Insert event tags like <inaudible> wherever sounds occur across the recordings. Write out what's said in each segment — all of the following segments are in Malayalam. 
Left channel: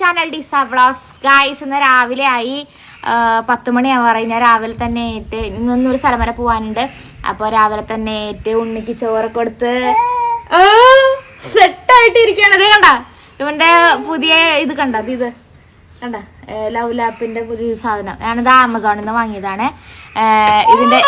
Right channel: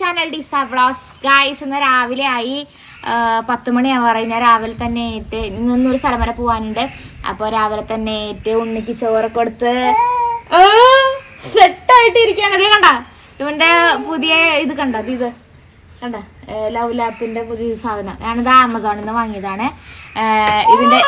ചാനൽ ഡിസ വ്ളോസ് ഗായ്സ് ഇന്ന് രാവിലെ ആയി. പത്ത് മണിയാവാറ ഞാൻ രാവിലെ തന്നെ ഏറ്റ് ഇന്നൊരു സ്ഥലം വരെ പോകാനുണ്ട് അപ്പോൾ രാവിലെ തന്നെ ഏറ്റ് ഉണ്ണിക്ക് ചോറ് കൊടുത്ത് സെറ്റായിട്ട് ഇരിക്കുകയാണ് അതേ കണ്ട? ഇവന്റെ പുതിയ ഇത് കണ്ട? ഇത് കണ്ട? ലവ് ലാപ്പിന്റെ പുതിയ സാധനം. ഞാനിത് ആമസോണിൽ നിന്ന് വാങ്ങിയതാണ്. ഇതിന്റെ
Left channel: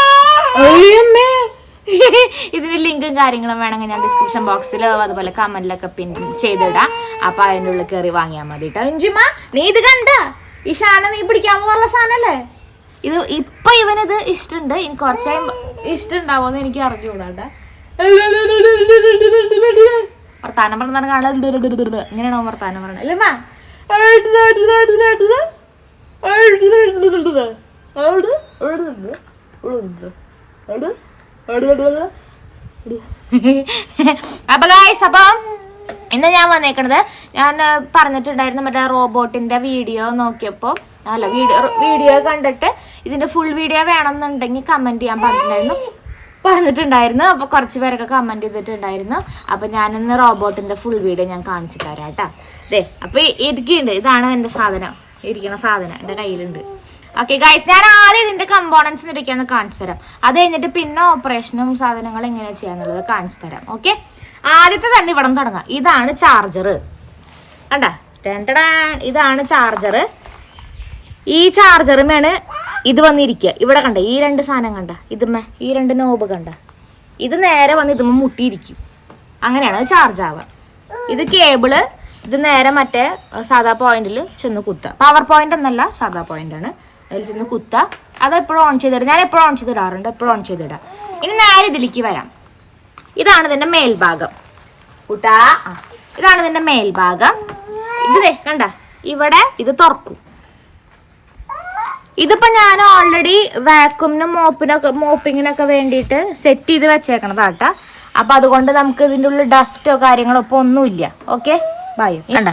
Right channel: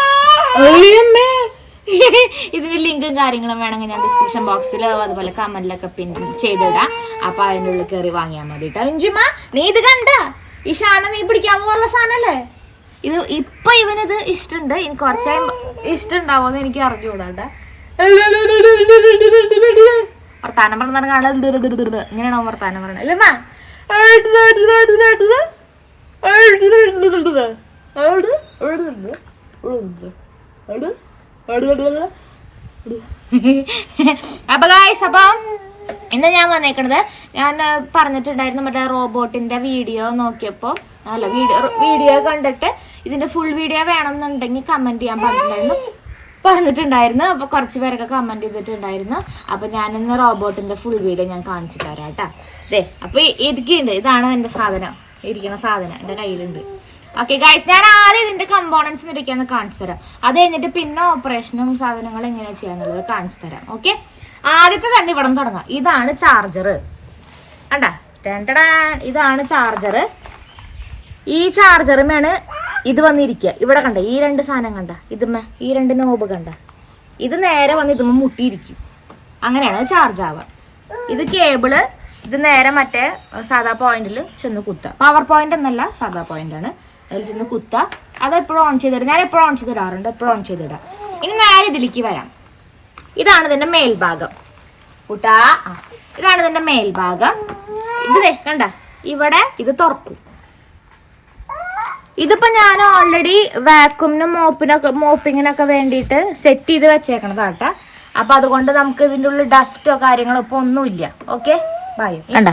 <laughs> ഇതിന്റെ ലിങ്കും കാര്യങ്ങളും വേണമെങ്കിൽ ഞാൻ ഡിസ്ക്രിപ്ഷൻ ബോക്സിലോ അതുപോലെ കമന്റിലൊക്കെ പിൻ ചെയ്തിടാം. അപ്പൊ അതിന്റെ ഉള്ളിൽ കയറി വാങ്ങിയാൽ മതി കേട്ടോ ഇഞ്ചുമ നീ ഇത് കണ്ട? ഈ ഷാന നീ പിടിക്കാൻ പോകുള്ള സാധനല്ലേ? ഇത് ഇപ്പൊ ഇവനിത് ഇഷ്ടമുണ്ട് ഇനി കുറച്ചായി ഇഷ്ടമുണ്ടാവോന്ന് എനിക്ക് അറിഞ്ഞുകൂടാട്ടെ വർത്താനം പറഞ്ഞാൽ കാണാൻ ഇങ്ങനെയാണോ വർത്താനം പറഞ്ഞത് അല്ലേ മാ? <laughs> അപ്പൊ ഗായ്സ് അപ്പം ഇന്ന് ഞാൻ വന്നേക്കണത് ഞാൻ പറഞ്ഞിട്ടുണ്ടായിരുന്നു മറ്റേ റോബോട്ടിന്റെ വീഡിയോ നോക്കിയപ്പോൾ അല്ല വീഡിയോ വീഡിയോ കണ്ടിട്ട് ഇതിന്റെ ഫുൾ വീഡിയോ വേണമെന്നുണ്ടെങ്കിൽ കമന്റ് ചെയ്യാൻ പറഞ്ഞിട്ടുണ്ടായിരുന്നു. പറഞ്ഞിട്ടുണ്ടായിരുന്നു. അപ്പൊ കുറച്ച് പേരൊക്കെ കമന്റ് ചെയ്തിട്ടുണ്ടായിരുന്നു. അപ്പൊ ഞാനിന്ന് റോബോട്ടിന്റെ ഫുൾ വീഡിയോ ഞാൻ കാണിച്ചു തരാം കേട്ടാ. അതെ അപ്പൊ ഇരിക്കുന്നുണ്ട്. ഇതാണ് എന്റെ സാധനം. ഇരിക്കുന്ന സാധനം എന്റെ കയ്യിലുണ്ട്. ഓക്കെ ഗൈസ് ഞാൻ ആദ്യം ഇതിന്റെ കമ്പോണൻസ് ഇരിക്കാന്ന് കാണിച്ചു തരാം. അത് കഴിഞ്ഞിട്ട് പിന്നെ ഓപ്പറേഷനും സാധനങ്ങളും എങ്ങനെ ചെയ്യാന്നുള്ളത് കാണിച്ചു തരാം. ഓക്കെ ആദ്യത്തെ തന്നെ ഇവിടെ തുടങ്ങാം. ഇതാണ് ചാർജർ കണ്ട? ഇതാണ് ചാർജർ ഈ ചാർജറുമാണ് ഇത് വന്നിരിക്കുക. ഇവിടെ കണ്ട ഈ രണ്ട് സാധനം കണ്ട ഇതുമ്മേ ഈ രണ്ട് നോബ് കണ്ട. ഇത് നേരെ വന്ന് ഇതുമ്മ മുട്ടിയിരിക്കും. അങ്ങനെയാണ് ചാർജ് ആവുക. ഇത് കേബിൾ ഇത് നേരെ മറ്റേ സാധാ പോയിന്റിൽ ചെന്ന് കുത്തുക. പവർ പോയിന്റ് എന്നല്ല സാധാ പോയിന്റ് ആണ്. അതിൽ ചെന്ന് കുത്തുക അത് എപ്പോഴും ഓൺ ചെയ്തിടാം ഞാൻ എപ്പോഴും ഓൺ ചെയ്തിടാറുണ്ട് എപ്പോഴും ഓൺ ചെയ്തിടാം ഇനി നേരെ ഇതിലേക്ക് വരാം? ഇതാണ് ഇതിന്റെ മേൽഭാഗം. കൂട്ടാ. ഇതാണ് ഇതിന്റെ മേൽഭാഗം. ഇത് കണ്ട. ഇവിടെ ഇത് തുറക്കും. ഇതിപ്പോ ഞാൻ ഓൾറെഡി വാക്യൂമിനും മോപ്പിനൊക്കെ മോപ്പിങ്ങിനൊക്കെ വേണ്ടിയിട്ട് സെറ്റ് ചെയ്ത് വെച്ചേക്കണതാട്ടാ. അപ്പൊ അതുകൊണ്ട് നമുക്ക് ഇതിന്റെ ഉള്ളിൽ ഡസ്റ്റോ കാര്യങ്ങളോ ഇപ്പൊ ഒന്നുമില്ല. ഓക്കെ ബൈ കണ്ട.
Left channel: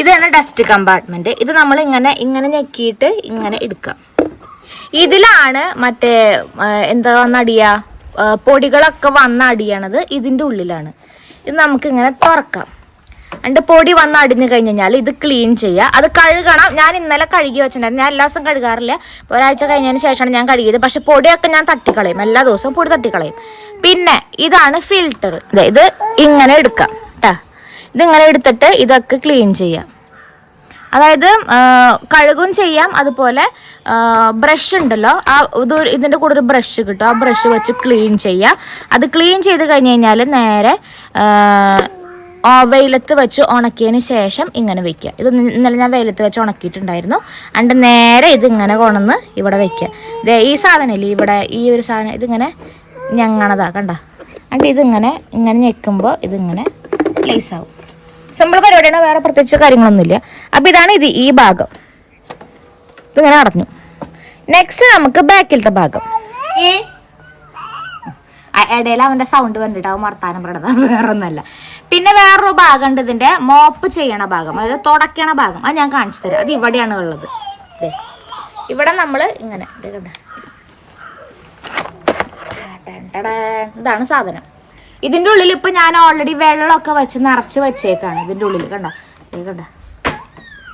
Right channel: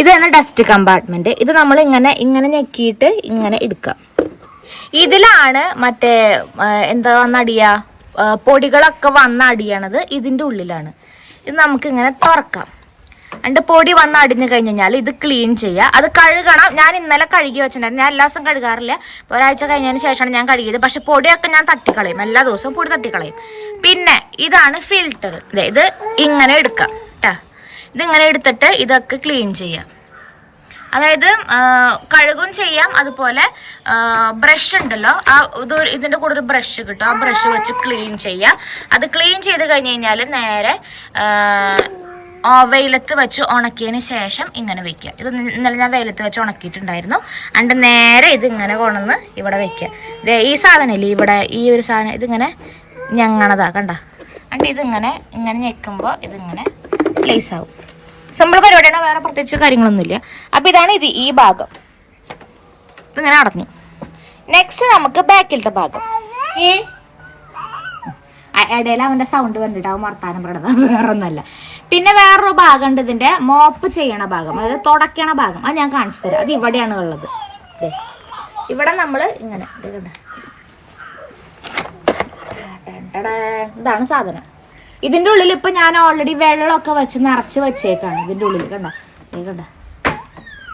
ഇതാണ് ഡസ്റ്റ് കമ്പാർട്ട്മെന്റ് ഇത് നമ്മൾ ഇങ്ങനെ ഇങ്ങനെ ഞെക്കിയിട്ട് ഇങ്ങനെ എടുക്കാം. ഇതിലാണ് മറ്റേ എന്താ വന്നടിയ? പൊടികളൊക്കെ വന്നടിയണത് ഇതിന്റെ ഉള്ളിലാണ്. ഇത് നമുക്ക് ഇങ്ങനെ തുറക്കാം. രണ്ട് പൊടി വന്ന് അടിഞ്ഞു കഴിഞ്ഞ് കഴിഞ്ഞാൽ ഇത് ക്ലീൻ ചെയ്യുക അത് കഴുകണം. ഞാൻ ഇന്നലെ കഴുകി വെച്ചിട്ടുണ്ടായിരുന്നു. ഞാൻ എല്ലാ ദിവസവും കഴുകാറില്ല. ഒരാഴ്ച കഴിഞ്ഞതിന് ശേഷമാണ് ഞാൻ കഴുകിയത്. പക്ഷെ പൊടിയൊക്കെ ഞാൻ തട്ടിക്കളയും. എല്ലാ ദിവസവും പൊടി തട്ടിക്കളയും. പിന്നെ ഇതാണ് ഫിൽറ്റർ ഇത് ഇങ്ങനെ എടുക്കാം. ഇതിങ്ങനെ എടുത്തിട്ട് ഇതൊക്കെ ക്ലീൻ ചെയ്യാം. അതായത് കഴുകും ചെയ്യാം. അതുപോലെ ബ്രഷ് ഉണ്ടല്ലോ ആ ഇത് ഇതിന്റെ കൂടെ ഒരു ബ്രഷ് കിട്ടും. ആ ബ്രഷ് വെച്ച് ക്ലീൻ ചെയ്യാം. അത് ക്ലീൻ ചെയ്ത് കഴിഞ്ഞ് കഴിഞ്ഞാൽ നേരെ വെയിലത്ത് വെച്ച് ഉണക്കിയതിന് ശേഷം ഇങ്ങനെ വെക്കുക. ഇത് ഇന്ന- ഇന്നലെ ഞാൻ വെയിലത്ത് വെച്ച് ഉണക്കിയിട്ടുണ്ടായിരുന്നു. അണ്ട് നേരെ ഇത് ഇങ്ങനെ കൊണ്ടുവന്ന് ഇവിടെ വെക്കുക. ഈ സാധനമില്ലേ ഇവിടെ ഈ ഒരു സാധനം ഇതിങ്ങനെ ഞങ്ങണതാ കണ്ട? അണ്ട് ഇതിങ്ങനെ ഇങ്ങനെ ഞെക്കുമ്പോൾ ഇതിങ്ങനെ പ്ലേസ് ആവും. സിമ്പിൾ പരിപാടിയാണ് വേറെ പ്രത്യേകിച്ച് കാര്യങ്ങളൊന്നുമില്ല. അപ്പൊ ഇതാണ് ഇത് ഈ ഭാഗം. ഇങ്ങനെ അടഞ്ഞു നെക്സ്റ്റ് നമുക്ക് ബാക്കിലത്തെ ഭാഗം. ഇടയിൽ അവന്റെ സൗണ്ട് കണ്ടിട്ട് അവൻ വർത്താനം പറയണത്. വേറെ ഒന്നല്ല പിന്നെ വേറൊരു ഭാഗം ഉണ്ട് ഇതിന്റെ മോപ്പ് ചെയ്യണ ഭാഗം. അതായത് തുടക്കണ ഭാഗം. അത് ഞാൻ കാണിച്ചു തരാം. അത് ഇവിടെയാണ് ഉള്ളത്. ഇവിടെ നമ്മൾ ഇങ്ങനെ. ഇതാണ് സാധനം. ഇതിന്റെ ഉള്ളിൽ ഇപ്പം ഞാൻ ഓൾറെഡി വെള്ളമൊക്കെ വെച്ച് നിറച്ച് വെച്ചേക്കാണ്. ഇതിന്റെ ഉള്ളിൽ കണ്ട? കണ്ട?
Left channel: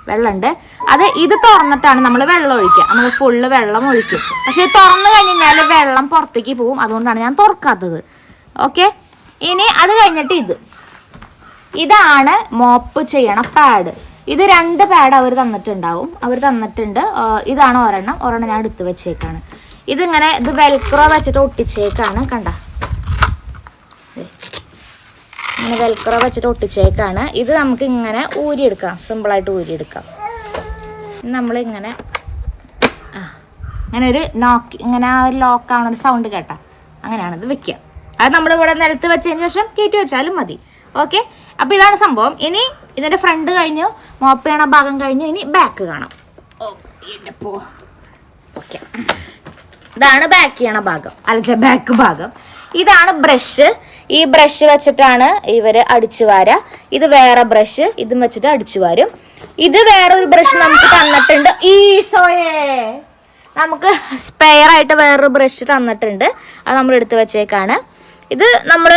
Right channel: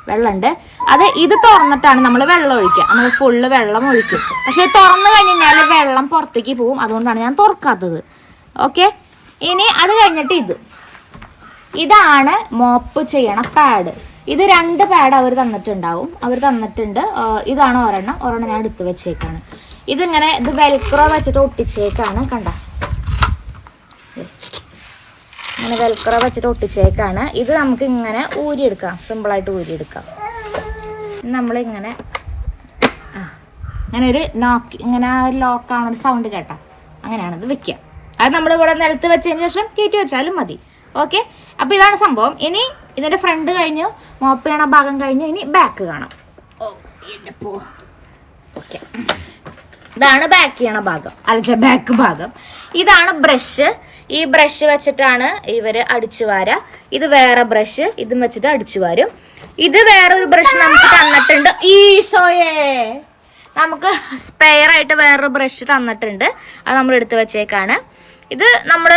വെള്ളമുണ്ട്. അത് ഇത് തുറന്നിട്ടാണ് നമ്മൾ വെള്ളം ഒഴിക്കുക. നമ്മൾ ഫുള്ള് വെള്ളം ഒഴിക്കും. പക്ഷേ തുറന്നു കഴിഞ്ഞ് കഴിഞ്ഞാൽ വെള്ളം പുറത്തേക്ക് പോവും അതുകൊണ്ടാണ് ഞാൻ തുറക്കാത്തത്. ഓക്കെ ഇനി അത് കഴിഞ്ഞിട്ട് ഇത്. ഇതാണ് മോപ്പ് ചെയ്യണ പാഡ് ഇത് രണ്ട് പാഡ് അവർ തന്നിട്ടുണ്ടാവും. അവർ തന്നിട്ടുണ്ട്. ഇതാണ് ഒരെണ്ണം. ഒരെണ്ണം ഞാൻ എടുത്ത് വെച്ചേക്കാണ്. ഇതിങ്ങനെ ഇത് വെൽക്രോ വെച്ചിട്ട് ഒട്ടിച്ചേക്കാണ്. കണ്ട? ഇങ്ങനെ വെൽക്കറ വെച്ചിട്ട് ഒട്ടിച്ചേക്കാണ്. ഇത് നമുക്ക് ഇങ്ങനെ ഊരിയെടുക്കാം. സിമ്പിളായിട്ട് ഊരിയെടുക്കാം. നമ്മളിങ്ങനെ ആ ഇങ്ങനെ ഒരു നോക്ക് ഇങ്ങനെ ഒരു ലോക്ക് ആവണ ഒരു സൗണ്ട് കേട്ടോ. അങ്ങനെയാണ് ഇത് വെക്കുക. അത് നമ്മൾ ഇവിടെ നിലത്ത് വെച്ചതിന് ശേഷം കയറ്റി വെച്ചാലും മതി. ഓക്കെ അപ്പോൾ ഇതാണ് സംഭവം. ഇനി ഇതിന്റെ ഫ്രണ്ട് കഴിഞ്ഞു മോപ്പ് ഭാഗം കഴിഞ്ഞു ഇനി ബാക്ക് കാണാം. ഓ ഓക്കെ ഇതാണ് ബാക്ക് ചെയ്യണ ഭാഗം. അല്ലെങ്കിൽ ബാക്ക് ഭാഗം. ഇതാണ് ബ്രഷ് ഈ ബ്രഷ് വെച്ചിട്ടാണ് ഇവർ അടിച്ചു വാര ഇത് വേറെ ബ്രഷ് ഇതും വെച്ചിട്ട് അടിച്ചു വാരും. ഇത് വേറെ ഒരു ബ്രഷ് നമുക്ക് തന്നിട്ടുണ്ട്. ഈസോയേ നമുക്ക് സ്പെയർ ആയിട്ട് വേറൊരു ബ്രഷ് തന്നിട്ടുണ്ട്. അത് നമ്മൾ എടുത്ത് വെച്ചേക്കാണ്. ഇത് നമ്മൾ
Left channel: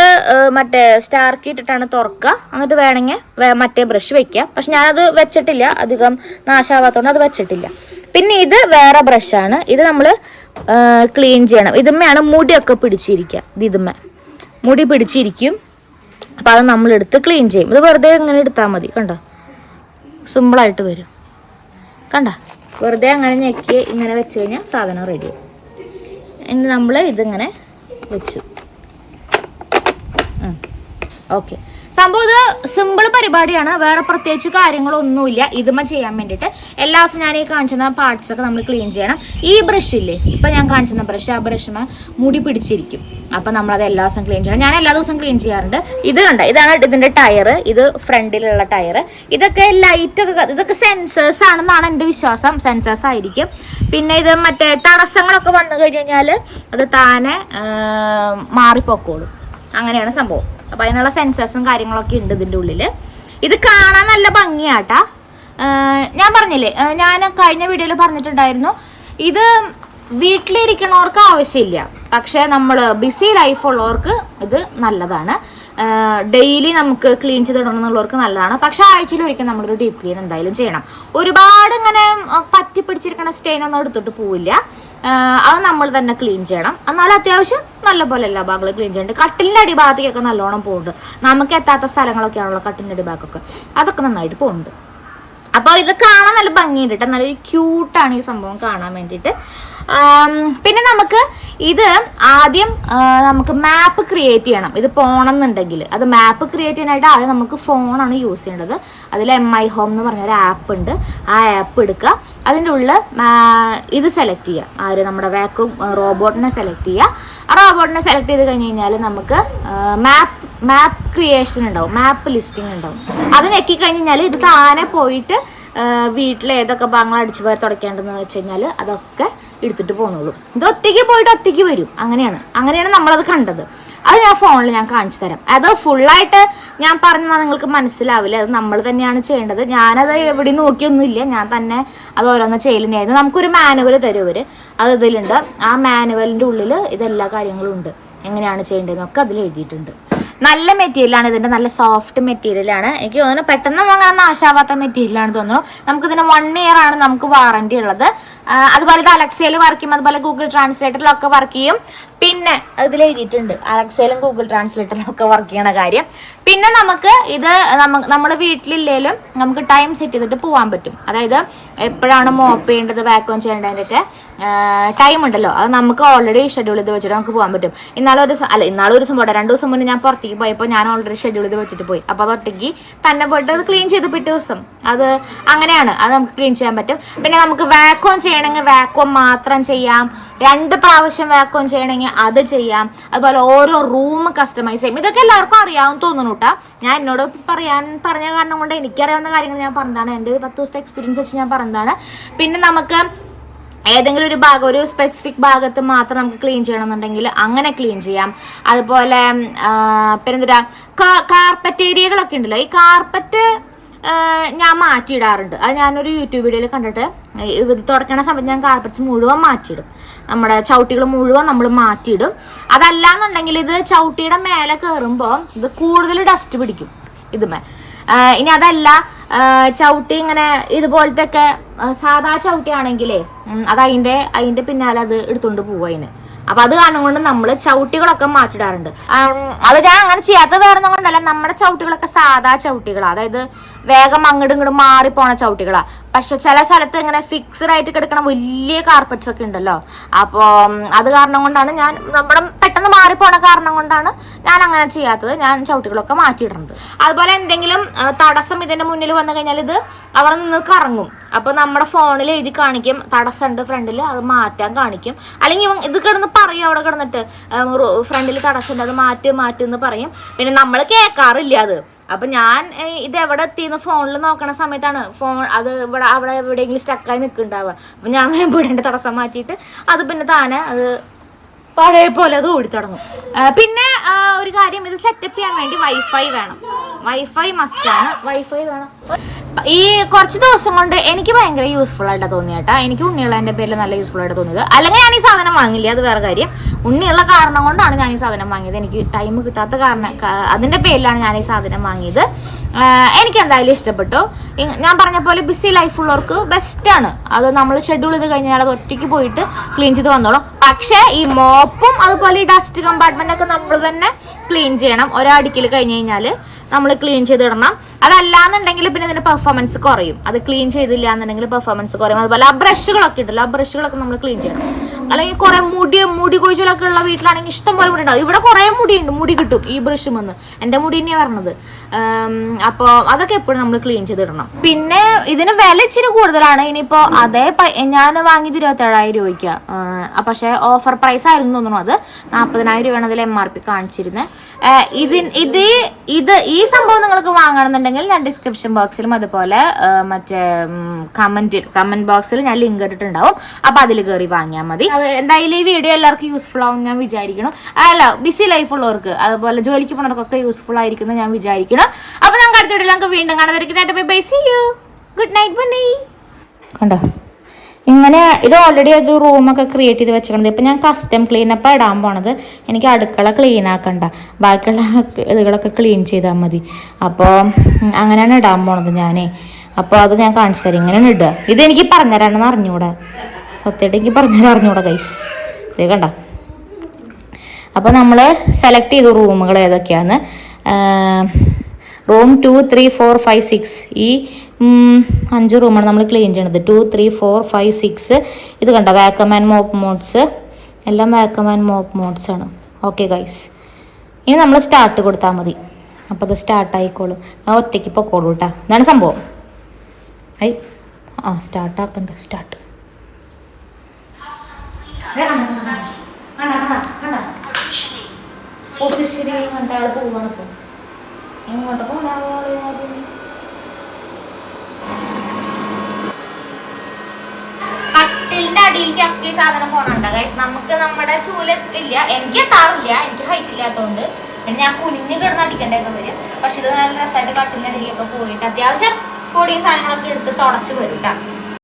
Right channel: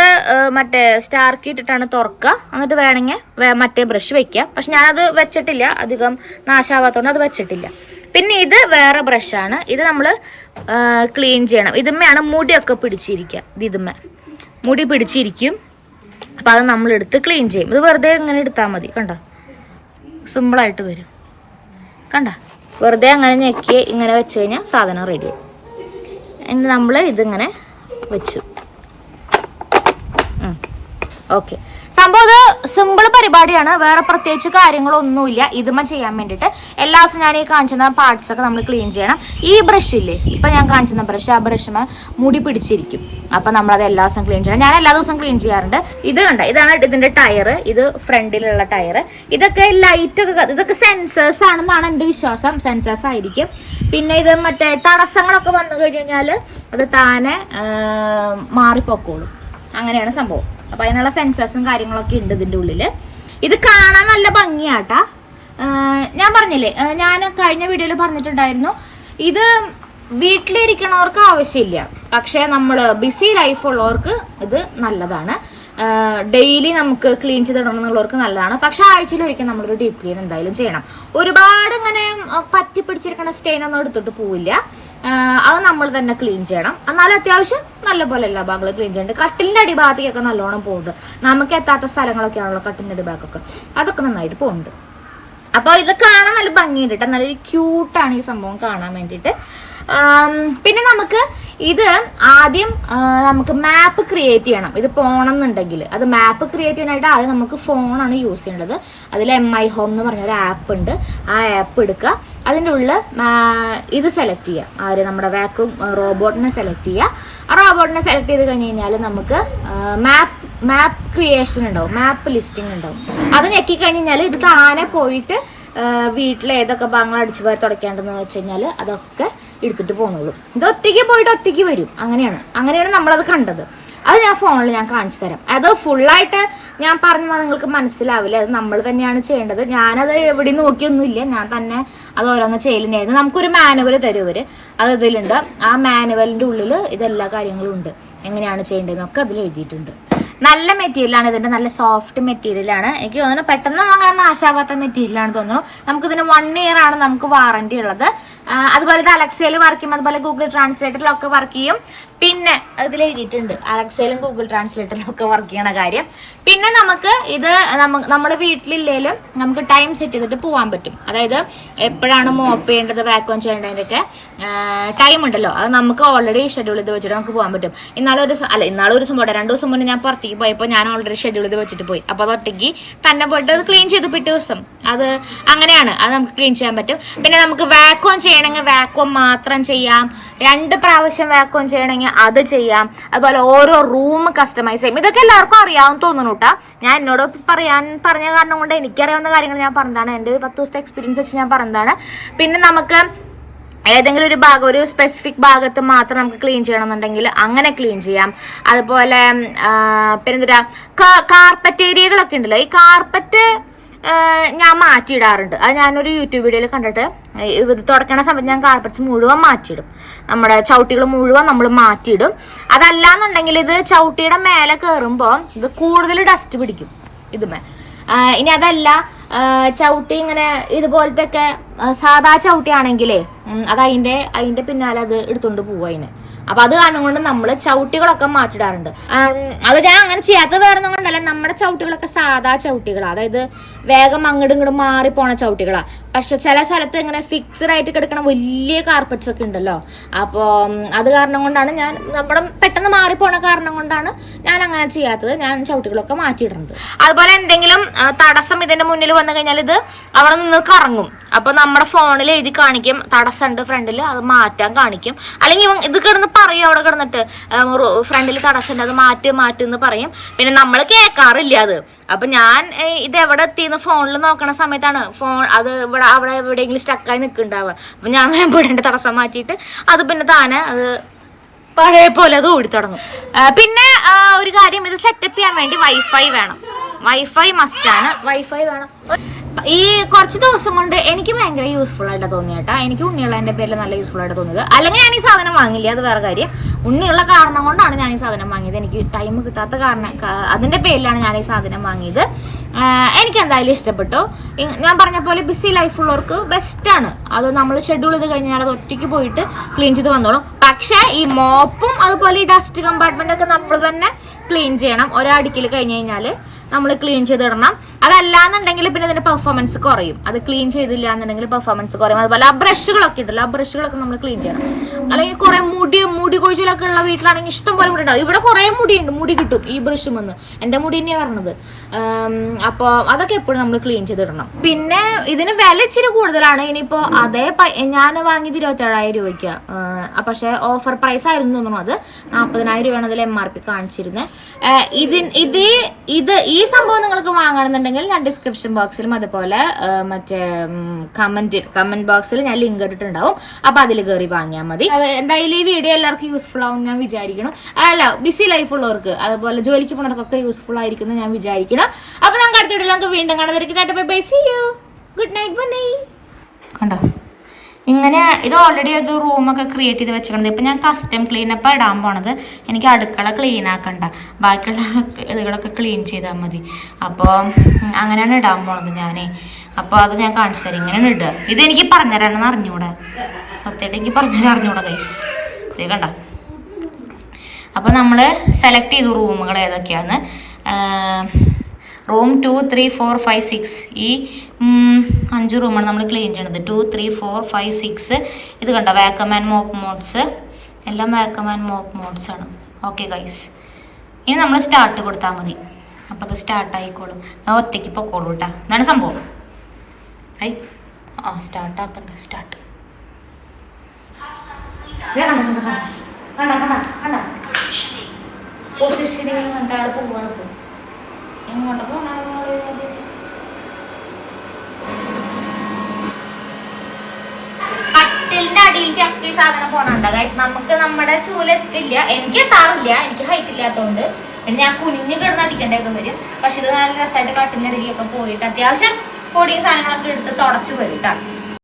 മറ്റേ സ്റ്റാർക്ക് ഇട്ടിട്ടാണ് തുറക്കുക. എന്നിട്ട് വേണമെങ്കിൽ മറ്റേ ബ്രഷ് വെക്കുക. പക്ഷെ ഞാനത് വെച്ചിട്ടില്ല. അധികം നാശാവാത്തതുകൊണ്ട് അത് വെച്ചിട്ടില്ല. പിന്നെ ഇത് വേറെ ബ്രഷാണ് ഇത് നമ്മൾ ക്ലീൻ ചെയ്യണം. ഇതുമ്മയാണ് മുടിയൊക്കെ പിടിച്ചിരിക്കുക ഇത് ഇതുമ്മ. മുടി പിടിച്ചിരിക്കും. അപ്പം അത് നമ്മളെടുത്ത് ക്ലീൻ ചെയ്യും. ഇത് വെറുതെ ഇങ്ങനെ എടുത്താൽ മതി. കണ്ടോ? സിമ്പിളായിട്ട് വരും. കണ്ട? വെറുതെ അങ്ങനെ ഞെക്കി ഇങ്ങനെ വെച്ച് കഴിഞ്ഞാൽ സാധനം റെഡി ഇനി നമ്മൾ ഇതിങ്ങനെ വെച്ചു. ഓക്കെ സംഭവം ഇത് സിമ്പിൾ പരിപാടിയാണ്. വേറെ പ്രത്യേകിച്ച് കാര്യങ്ങളൊന്നുമില്ല. ഇതുമ ചെയ്യാൻ വേണ്ടിയിട്ട്. എല്ലാ ദിവസവും ഞാൻ ഈ കാണിച്ചുന്ന പാർട്സ് ഒക്കെ നമ്മൾ ക്ലീൻ ചെയ്യണം. ഈ ബ്രഷ് ഇല്ലേ? ഇപ്പം ഞാൻ കാണിച്ചുന്ന ബ്രഷ് ആ ബ്രഷ് മുടി പിടിച്ചിരിക്കും. അപ്പം നമ്മളത് എല്ലാ ദിവസവും ക്ലീൻ ചെയ്യണം. ഞാൻ എല്ലാ ദിവസവും ക്ലീൻ ചെയ്യാറുണ്ട്. ഇത് കണ്ട ഇതാണ് ഇതിന്റെ ടയർ ഇത് ഫ്രണ്ടിലുള്ള ടയർ ഇതൊക്കെ ലൈറ്റൊക്കെ ഇതൊക്കെ സെൻസേഴ്സ് ആണെന്നാണ് എന്റെ വിശ്വാസം. സെൻസേഴ്സ് ആയിരിക്കും. പിന്നെ ഇത് മറ്റേ തടസ്സങ്ങളൊക്കെ വന്നു കഴിഞ്ഞാൽ അത് താനെ മാറിപ്പോക്കോളും. അങ്ങനെയാണ് സംഭവം. അപ്പൊ അതിനുള്ള സെൻസേഴ്സും കാര്യങ്ങളൊക്കെ ഉണ്ട് ഇതിന്റെ ഉള്ളിൽ. ഇത് കാണാൻ നല്ല ഭംഗിയാട്ടാ. ഞാൻ പറഞ്ഞില്ലേ ഞാൻ കഴിഞ്ഞ വീഡിയോയിൽ പറഞ്ഞിട്ടുണ്ടായിരുന്നു ഇത് വീട്ടിലിരിക്കണവർക്ക് ആവശ്യമില്ല. പക്ഷെ നമ്മൾ ബിസി ലൈഫ് ഉള്ളവർക്ക് ഇത് നല്ലതാണ്. ഡെയിലി നമുക്ക് ക്ലീൻ ചെയ്തിടണം എന്നുള്ളവർക്ക് നല്ലതാണ്. പക്ഷെ ആഴ്ചയിൽ ഒരിക്കൽ നമ്മളൊരു ഡീപ്പ് ക്ലീൻ എന്തായാലും ചെയ്യണം. ഒരുപാട് ഇങ്ങനെ പറ്റി സ്റ്റെയിൻ ഒന്നും എടുത്തിട്ട് പോവില്ല. അത് നമ്മൾ തന്നെ ക്ലീൻ ചെയ്യണം. എന്നാലും അത്യാവശ്യം നല്ലപോലെ എല്ലാ ഭാഗങ്ങളും ക്ലീൻ കട്ടിലിന്റെ അടിഭാഗത്തേക്കൊക്കെ നല്ലോണം പോകുന്നുണ്ട്. നമുക്ക് എത്താത്ത സ്ഥലങ്ങളൊക്കെ ആണല്ലോ കട്ടിലിന്റെ അടിഭാഗമൊക്കെ അതൊക്കെ നന്നായിട്ട് പോകുന്നുണ്ട്. അപ്പോൾ ഇത് കാണാൻ നല്ല ഭംഗിയുണ്ട് കേട്ടോ നല്ല ക്യൂട്ടാണ് ഈ സംഭവം കാണാൻ വേണ്ടിയിട്ട്. പിന്നെ നമുക്ക് ഇത് ആദ്യം നമുക്ക് മാപ്പ് ക്രിയേറ്റ് ചെയ്യണം. ഇത് പോകണമെന്നുണ്ടെങ്കിൽ അത് മാപ്പ് ക്രിയേറ്റ് ചെയ്യാനായിട്ട് ആദ്യം നമുക്ക് ഫോണാണ് യൂസ് ചെയ്യേണ്ടത്. അതിൽ എം ഐ ഹോം എന്ന് പറഞ്ഞ ഒരു ആപ്പ് ഉണ്ട്. ആ ആപ്പ് എടുക്കുക. അതിന്റെ ഉള്ളിൽ ഇത് സെലക്ട് ചെയ്യുക ആ ഒരു നമ്മുടെ വാക്യൂം റോബോട്ടിനെ സെലക്ട് ചെയ്യുക ആ റോബോട്ടിനെ സെലക്ട് ചെയ്ത് കഴിഞ്ഞ് കഴിഞ്ഞാൽ നമുക്ക് മാപ്പ് മാപ്പ് ക്രിയേഷൻ ഉണ്ടാവും. മാപ്പ് ലിസ്റ്റിംഗ് ഉണ്ടാവും. അത് ഞെക്കി കഴിഞ്ഞാൽ ഇത് താനെ പോയിട്ട് വീട്ടിൽ ഏതൊക്കെ ഭാഗങ്ങൾ അടിച്ചു പോയി തുടയ്ക്കേണ്ടതെന്ന് വെച്ച് കഴിഞ്ഞാൽ അതൊക്കെ എടുത്തിട്ട് പോകുന്നുള്ളൂ ഇത് ഒറ്റയ്ക്ക് പോയിട്ട് ഒറ്റയ്ക്ക് വരും. അങ്ങനെയാണ്. അങ്ങനെയാണ് നമ്മളത് കണ്ടത്. അത് ഞാൻ ഫോണിൽ ഞാൻ കാണിച്ചു തരാം. അത് ഫുള്ളായിട്ട് ഞാൻ പറഞ്ഞാൽ നിങ്ങൾക്ക് മനസ്സിലാവില്ല. അത് നമ്മൾ തന്നെയാണ് ചെയ്യേണ്ടത്. ഞാനത് എവിടെ നോക്കിയൊന്നുമില്ല. ഞാൻ തന്നെ അത് ഓരോന്ന് ചെയ്യലുണ്ടായിരുന്നു നമുക്കൊരു മാനുവൽ തരും അവർ അത് ഇതിലുണ്ട്. ആ മാനുവലിന്റെ ഉള്ളിൽ ഇതെല്ലാ കാര്യങ്ങളും ഉണ്ട്. എങ്ങനെയാണ് ചെയ്യേണ്ടതെന്നൊക്കെ അതിൽ എഴുതിയിട്ടുണ്ട്. നല്ല മെറ്റീരിയലാണ് ഇതിന്റെ. നല്ല സോഫ്റ്റ് മെറ്റീരിയലാണ്. എനിക്ക് തോന്നുന്നു പെട്ടെന്ന് അങ്ങനെ നാശാവാത്ത മെറ്റീരിയലാണ് തോന്നുന്നു. നമുക്ക് ഇതിന് വൺ ഇയർ ആണ് നമുക്ക് വാറണ്ടി ഉള്ളത്. അതുപോലെ ഇത് അലക്സയിൽ വർക്ക് ചെയ്യും. അതുപോലെ ഗൂഗിൾ ട്രാൻസ്ലേറ്ററിലൊക്കെ വർക്ക് ചെയ്യും. പിന്നെ അതിൽ എഴുതിയിട്ടുണ്ട് അലക്സയിലും ഗൂഗിൾ ട്രാൻസ്ലേറ്ററിലും ഒക്കെ വർക്ക് ചെയ്യണ കാര്യം. പിന്നെ നമുക്ക് ഇത് നമ്മൾ വീട്ടിലില്ലേലും നമുക്ക് ടൈം സെറ്റ് ചെയ്തിട്ട് പോകാൻ പറ്റും. അതായത് എപ്പോഴാണ് മോപ്പ് ചെയ്യേണ്ടത് വാക്വം ചെയ്യേണ്ടതിന്റെയൊക്കെ ടൈം ഉണ്ടല്ലോ. അത് നമുക്ക് ഓൾറെഡി ഷെഡ്യൂൾ ചെയ്ത് വെച്ചിട്ട് നമുക്ക് പോകാൻ പറ്റും. ഇന്നാളൊരു അല്ല ഇന്നാളൊരു ദിവസം പോട്ടെ. രണ്ട് ദിവസം മുന്നേ ഞാൻ പുറത്തേക്ക് പോയപ്പോൾ ഞാൻ ഓൾറെഡി ഷെഡ്യൂൾ ചെയ്ത് വെച്ചിട്ട് പോയി. അപ്പോൾ അത് തന്നെ പോയിട്ട് അത് ക്ലീൻ ചെയ്ത് പിറ്റേ ദിവസം. അത് അങ്ങനെയാണ്. അത് നമുക്ക് ക്ലീൻ ചെയ്യാൻ പറ്റും. പിന്നെ നമുക്ക് വാക്വം ചെയ്യണമെങ്കിൽ വാക്വം മാത്രം ചെയ്യാം. രണ്ട് പ്രാവശ്യം വാക്വം ചെയ്യണമെങ്കിൽ അത് ചെയ്യാം. അതുപോലെ ഓരോ റൂം കസ്റ്റമൈസ് ചെയ്യും. ഇതൊക്കെ എല്ലാവർക്കും അറിയാവുന്ന തോന്നുന്നു കേട്ടോ ഞാൻ എന്നോട് പറയാൻ പറഞ്ഞ കാരണം കൊണ്ട് എനിക്കറിയാവുന്ന കാര്യങ്ങൾ ഞാൻ പറഞ്ഞതാണ്. എന്റെ ഒരു പത്ത് ദിവസത്തെ എക്സ്പീരിയൻസ് വെച്ച് ഞാൻ പറഞ്ഞതാണ്. പിന്നെ നമുക്ക് ഏതെങ്കിലും ഒരു ഭാഗം ഒരു സ്പെസിഫിക് ഭാഗത്ത് മാത്രം നമുക്ക് ക്ലീൻ ചെയ്യണമെന്നുണ്ടെങ്കിൽ അങ്ങനെ ക്ലീൻ ചെയ്യാം. അതുപോലെ പിന്നെന്താ കാർപ്പറ്റ് ഏരിയകളൊക്കെ ഉണ്ടല്ലോ. ഈ കാർപ്പറ്റ് ഞാൻ മാറ്റിയിടാറുണ്ട്. അത് ഞാനൊരു യൂട്യൂബ് വീഡിയോയിൽ കണ്ടിട്ട് ഇത് തുടക്കണ സമയത്ത് ഞാൻ കാർപ്പറ്റ്സ് മുഴുവൻ മാറ്റിയിടും. നമ്മുടെ ചവിട്ടികൾ മുഴുവൻ നമ്മൾ മാറ്റിയിടും. അതല്ല എന്നുണ്ടെങ്കിൽ ഇത് ചവിട്ടിയുടെ മേലെ കയറുമ്പോൾ ഇത് കൂടുതൽ ഡസ്റ്റ് പിടിക്കും ഇതുമേ ഇനി അതല്ല ചവിട്ടി ഇങ്ങനെ ഇതുപോലത്തെ ഒക്കെ സാധാ ചവിട്ടിയാണെങ്കിലേ അത് അതിന്റെ അതിന്റെ പിന്നാലെ അത് എടുത്തുകൊണ്ട് പോവും അതിന്. അപ്പൊ അത് കാരണം കൊണ്ട് നമ്മൾ ചവിട്ടികളൊക്കെ മാറ്റിടാറുണ്ട്. അത് ഞാൻ അങ്ങനെ ചെയ്യാത്ത വേറെ ഒന്നും കൊണ്ടല്ല. നമ്മുടെ ചവിട്ടികളൊക്കെ സാധാ ചവിട്ടികളാണ് അതായത് വേഗം അങ്ങോട്ടും ഇങ്ങോട്ടും പോണ ചവിട്ടികളാ. പക്ഷെ ചില സ്ഥലത്ത് ഇങ്ങനെ ഫിക്സഡ് ആയിട്ട് കിടക്കണ വലിയ കാർപ്പറ്റ്സ് ഒക്കെ ഉണ്ടല്ലോ. അപ്പോൾ അത് കാരണം കൊണ്ടാണ് ഞാൻ നമ്മുടെ പെട്ടെന്ന് മാറിപ്പോണ കാരണം കൊണ്ടാണ് ഞാൻ അങ്ങനെ ചെയ്യാത്തത്. ഞാൻ ചവിട്ടികളൊക്കെ മാറ്റിയിടുന്നത്. അതുപോലെ എന്തെങ്കിലും തടസ്സം ഇതിന്റെ മുന്നിൽ വന്നു കഴിഞ്ഞാൽ ഇത് അവിടെ നിന്ന് കറങ്ങും. അപ്പൊ നമ്മുടെ ഫോണിൽ എഴുതി കാണിക്കും. തടസ്സമുണ്ട് ഫ്രണ്ടിൽ അത് മാറ്റാൻ കാണിക്കും. അല്ലെങ്കിൽ ഇത് കിടന്ന് പറയും അവിടെ കിടന്നിട്ട്. ഫ്രണ്ടിൽ തടസ്സമുണ്ട് അത് മാറ്റ് മാറ്റ് എന്ന് പറയും. പിന്നെ നമ്മൾ കേൾക്കാറില്ല അത്. അപ്പൊ ഞാൻ ഇത് എവിടെ എത്തിയെന്ന് ഫോണിൽ നോക്കണ സമയത്താണ് ഫോൺ അത് ഇവിടെ അവിടെ എവിടെയെങ്കിലും സ്റ്റക്കായി നിൽക്കുന്നുണ്ടാവുക. അപ്പൊ ഞാൻ <laughs> വേണ്ടി തടസ്സം മാറ്റിയിട്ട് അത് പിന്നെ താനെ അത് പഴയ പോലെ അത് ഓടി തുടങ്ങും. പിന്നെ ഒരു കാര്യം ഇത് സെറ്റപ്പ് ചെയ്യാൻ വേണ്ടി വൈഫൈ വേണം. വൈഫൈ മസ്റ്റാണ് വൈഫൈ വേണം. ഈ കുറച്ച് ദിവസം കൊണ്ട് എനിക്ക് ഭയങ്കര യൂസ്ഫുൾ ആയിട്ട് തോന്നിയേട്ടാ എനിക്ക് ഉണ്ണിയുള്ളതിന്റെ പേരിൽ നല്ല യൂസ്ഫുൾ ആയിട്ട് തോന്നിയത്. അല്ലെങ്കിൽ ഞാൻ ഈ സാധനം വാങ്ങില്ല അത് വേറെ കാര്യം. ഉണ്ണിയുള്ള കാരണം കൊണ്ടാണ് ഞാൻ ഈ സാധനം വാങ്ങിയത്. എനിക്ക് ടൈം കിട്ടാത്ത കാരണം അതിന്റെ പേരിലാണ് ഞാൻ ഈ സാധനം വാങ്ങിയത്. എനിക്ക് എന്തായാലും ഇഷ്ടപ്പെട്ടു. ഞാൻ പറഞ്ഞ പോലെ ബിസി ലൈഫ് ഉള്ളവർക്ക് ബെസ്റ്റ് ആണ്. അത് നമ്മൾ ഷെഡ്യൂൾ ചെയ്ത് കഴിഞ്ഞാൽ അത് ഒറ്റയ്ക്ക് പോയിട്ട് ക്ലീൻ ചെയ്ത് വന്നോളും. പക്ഷേ ഈ മോപ്പും അതുപോലെ ഈ ഡസ്റ്റ് കമ്പാർട്ട്മെന്റ് ഒക്കെ നമ്മൾ തന്നെ ക്ലീൻ ചെയ്യണം. ഒരാടുക്കിൽ കഴിഞ്ഞ് കഴിഞ്ഞാൽ നമ്മൾ ക്ലീൻ ചെയ്തിടണം. അതല്ലാന്നുണ്ടെങ്കിൽ പിന്നെ ഇതിന്റെ പെർഫോമൻസ് കുറയും. അത് ക്ലീൻ ചെയ്തില്ല എന്നുണ്ടെങ്കിൽ പെർഫോമൻസ് കുറയും. അതുപോലെ ആ ബ്രഷുകളൊക്കെ ഉണ്ടല്ലോ ആ ബ്രഷുകളൊക്കെ നമ്മൾ ക്ലീൻ ചെയ്യണം. അല്ലെങ്കിൽ കുറെ മുടി മുടി കൊഴിച്ചിലൊക്കെ ഉള്ള വീട്ടിലാണെങ്കിൽ ഇഷ്ടം പോലെ മുടി ഇവിടെ കുറെ മുടിയുണ്ട്. മുടി കിട്ടും ഈ ബ്രഷ് വന്ന് എന്റെ മുടി തന്നെയാണ് പറഞ്ഞത് അപ്പോൾ അതൊക്കെ എപ്പോഴും നമ്മൾ ക്ലീൻ ചെയ്തിടണം. പിന്നെ ഇതിന് വില ഇച്ചിരി കൂടുതലാണ്. ഇനിയിപ്പോൾ അതേ ഞാൻ വാങ്ങിയത് ഇരുപത്തേഴായിരം രൂപയ്ക്ക്. പക്ഷേ ഓഫർ പ്രൈസ് ആയിരുന്നു തോന്നുന്നു അത്. നാൽപ്പതിനായിരം രൂപയാണ് അതിൽ എം ആർ പി കാണിച്ചിരുന്നത് ഇതിൻ ഇത് ഇത് ഈ സംഭവം നിങ്ങൾക്ക് വാങ്ങണമെന്നുണ്ടെങ്കിൽ ഞാൻ ഡിസ്ക്രിപ്ഷൻ ബോക്സിലും അതുപോലെ മറ്റേ കമന്റ് കമന്റ് ബോക്സിൽ ഞാൻ ലിങ്ക് ഇട്ടിട്ടുണ്ടാവും. അപ്പൊ അതിൽ കയറി വാങ്ങിയാൽ മതി. എന്തായാലും ഈ വീഡിയോ എല്ലാവർക്കും യൂസ്ഫുൾ ആവും ഞാൻ വിചാരിക്കണം അല്ല ബിസി ലൈഫ് ഉള്ളവർക്ക് അതുപോലെ ജോലിക്ക് പോണവർക്കൊക്കെ യൂസ്ഫുൾ ആയിരിക്കും എന്ന് ഞാൻ വിചാരിക്കണം അപ്പൊ നമുക്ക് അടുത്ത വീഡിയോ നമുക്ക് വീണ്ടും കാണാതിരിക്കുന്നതായിട്ട് bye bye see you good night bye. കണ്ടോ? ഇങ്ങനെ ഇത് ഓൾറെഡി അത് റൂമൊക്കെ ക്രിയേറ്റ് ചെയ്ത് വെച്ചിട്ടുണ്ട്. ഇപ്പം ഞാൻ കസ്റ്റം ക്ലീനപ്പ് ഇടാൻ പോണത്. എനിക്ക് അടുക്കള ക്ലീൻ ആക്കണ്ട. ബാക്കിയുള്ള ഇതുകളൊക്കെ ക്ലീൻ ചെയ്താൽ മതി. അപ്പോൾ അങ്ങനെയാണ് ഇടാൻ പോണത് ഞാനേ. അപ്പോൾ അത് ഞാൻ കാണിച്ചു തരാം. ഇങ്ങനെയാണ് ഇടുക. ഇത് എനിക്ക് പറഞ്ഞുതരാണെന്ന് അറിഞ്ഞൂടാ. സത്യമായിട്ട് എനിക്ക് പറഞ്ഞുതരാൻ അറിഞ്ഞൂടാ ഗൈസ് ഇത് കണ്ട? അപ്പോൾ നമ്മൾ സെലക്ട് ചെയ്തു റൂമുകൾ ഏതൊക്കെയാണ് room two three four five six ഈ അഞ്ച് റൂമാണ് നമ്മൾ ക്ലീൻ ചെയ്യണത്. Two three four five six ഇത് കണ്ട? വാക്കം ആൻഡ് മോപ്പ് മോഡ്സ് എല്ലാം വാക്കം ആൻഡ് മോപ്പ് മോഡ്സ് ആണ്. ഓക്കെ ഗൈസ് ഇനി നമ്മൾ സ്റ്റാർട്ട് കൊടുത്താൽ മതി. അപ്പോൾ അത് സ്റ്റാർട്ട് ആയിക്കോളും. ഞാൻ ഒറ്റയ്ക്ക് പൊക്കോളൂ കേട്ടോ ഇതാണ് സംഭവം. ഐ ആ സ്റ്റാർട്ട് ആക്കണ്ട സ്റ്റാർട്ട് കണ്ട കണ്ട കണ്ട പൊസിഷനിൽ കണ്ടാൾ പോവാണ് ഇപ്പൊ. എങ്ങോട്ട് കട്ടിലിന്റെ അടിയിൽ സാധനം പോണണ്ട. ഗൈസ് നമുക്ക് നമ്മുടെ ചൂലെത്തില്ല എനിക്ക് എത്താറില്ല. എനിക്ക് ഹൈറ്റ് ഇല്ലാത്തതുകൊണ്ട് പിന്നെ ഞാൻ കുനിഞ്ഞു കിടന്ന് അടിക്കേണ്ടതൊക്കെ വരും പക്ഷെ ഇത് നല്ല രസമായിട്ട് കട്ടിന്റെ അടിയിലൊക്കെ പോയിട്ട് അത്യാവശ്യം പൊടിയും സാധനങ്ങളൊക്കെ എടുത്ത് തുടച്ച് വരും.